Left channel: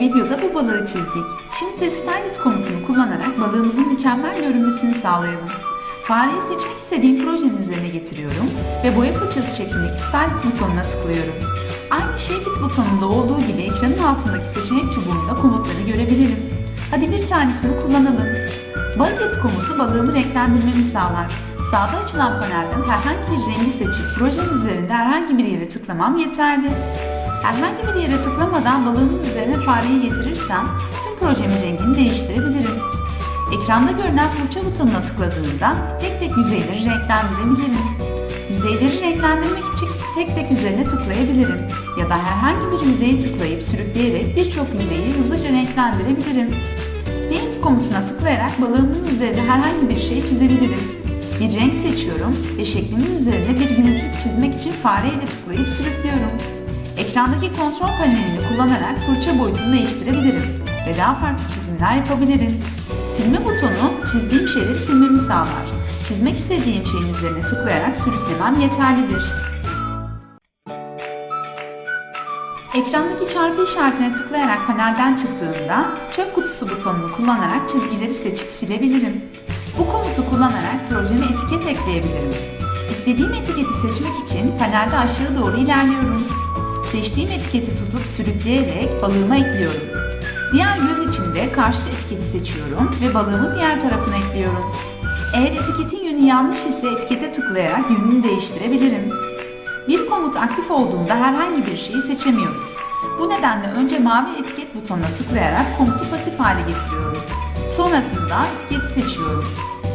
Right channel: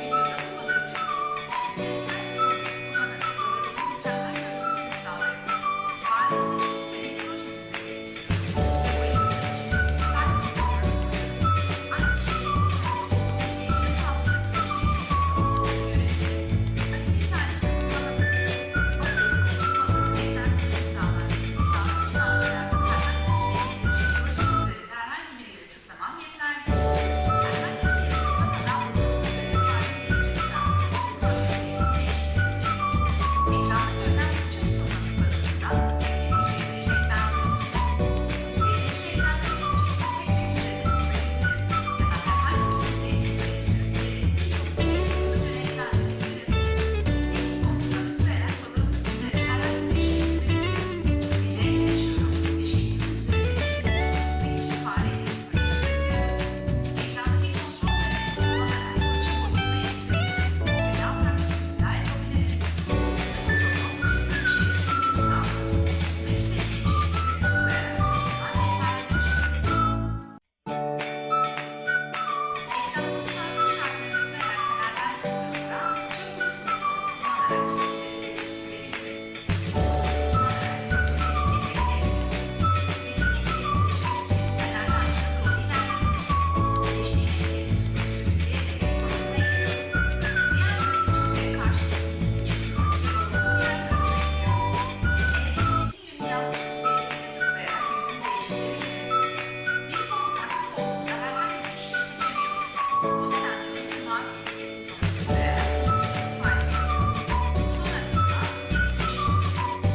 videoda bu balığı çizdik. Şimdi de Style It komutunu kullanarak balığımızın mükemmel görünmesini sağlayalım. Fareyi seçmek istediğim projenin üzerine getiriyorum ve boya fırçası şeklindeki Style It butonuna tıklıyorum. Aynı It butonunda olduğu gibi ekranın altındaki seçenek çubuğunda komutları görebilirim. Hadi bir tanesini kullanalım. Balık et komutu balığımı renklendirmemi sağlar. Sağda açılan panelden herhangi bir rengi seçip projenin üzerinde herhangi bir yere tıklamam yeterli. Herhangi bir yere tıklamadan balığımın üzerine fareyi getirirsem tüm projemin rengini değiştirebilirim. Ekranda görünen fırça butonuna tıkladığımda tek tek yüzeyleri renklendirebilirim. Yüzeyleri renklendirmek için tek tek üzerine tıklayabilirim ya da herhangi bir yüzeyi tıklayıp sürükleyerek birçok yüzeyi hızlıca renklendirebilirim. Paint komutuna tıklayarak balığımın üzerine herhangi bir şey çizebilirim. Bir renk seçiyorum ve şeklimin üzerine bir yumuşak çizmek için fareyle tıklayıp sürüklüyorum. Ekrandaki kontrol panelini kullanarak fırça boyutunu değiştirebilirim ve daha farklı çizimler yapabilirim. Silme butonu çizdiğim şeyleri silmemi sağlar. Çizmek istediğim şeyin üzerine tıklayarak sürüklemem yeterlidir. Ekrandaki çarpı işaretine tıklayarak panelden çıktığımda çöp kutusu butonunu kullanarak çizgileri seçip silebilirim. Bu komutu kullanarak projeme etiket ekleyebilirim. İstediğim etiketi seçmek için panelde aşağı doğru ilerliyorum. Seçtiğim etiketi tutup sürükleyerek balığıma ekliyorum. Diğer göz için de karşıt etiketi seçiyorum ve balığımı diğer tarafına ekliyorum. Eğer etiketin yönü yanlış ise etikete tıklayarak yönünü değiştirebilirim. Bir komut aktif olduğunda herhangi bir şeyi seçemiyoruz. Bu nedenle önce mavi etiket butonuna tıklayarak komutu pasif hale getiriyorum. Sonrasında etiketi seçiyorum.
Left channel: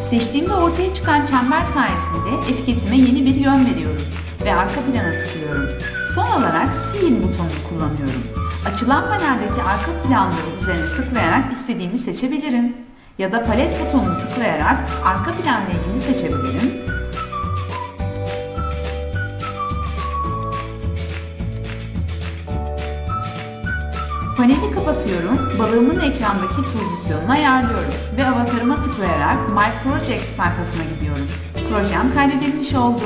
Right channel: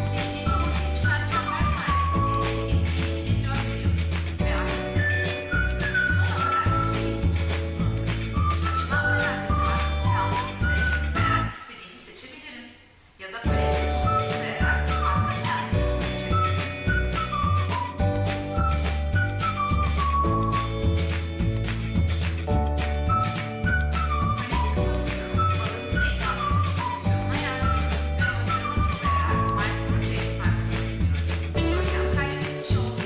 Seçtiğimde ortaya çıkan çember sayesinde etiketime yeni bir yön veriyorum ve arka plana Açılan paneldeki arka planları üzerine tıklayarak istediğimi seçebilirim. Ya da palet butonunu tıklayarak arka plan rengini seçebilirim Paneli kapatıyorum, balığımın ekrandaki pozisyonunu ayarlıyorum ve avatarıma tıklayarak My Project sayfasına gidiyorum. Projem kaydedilmiş oldu.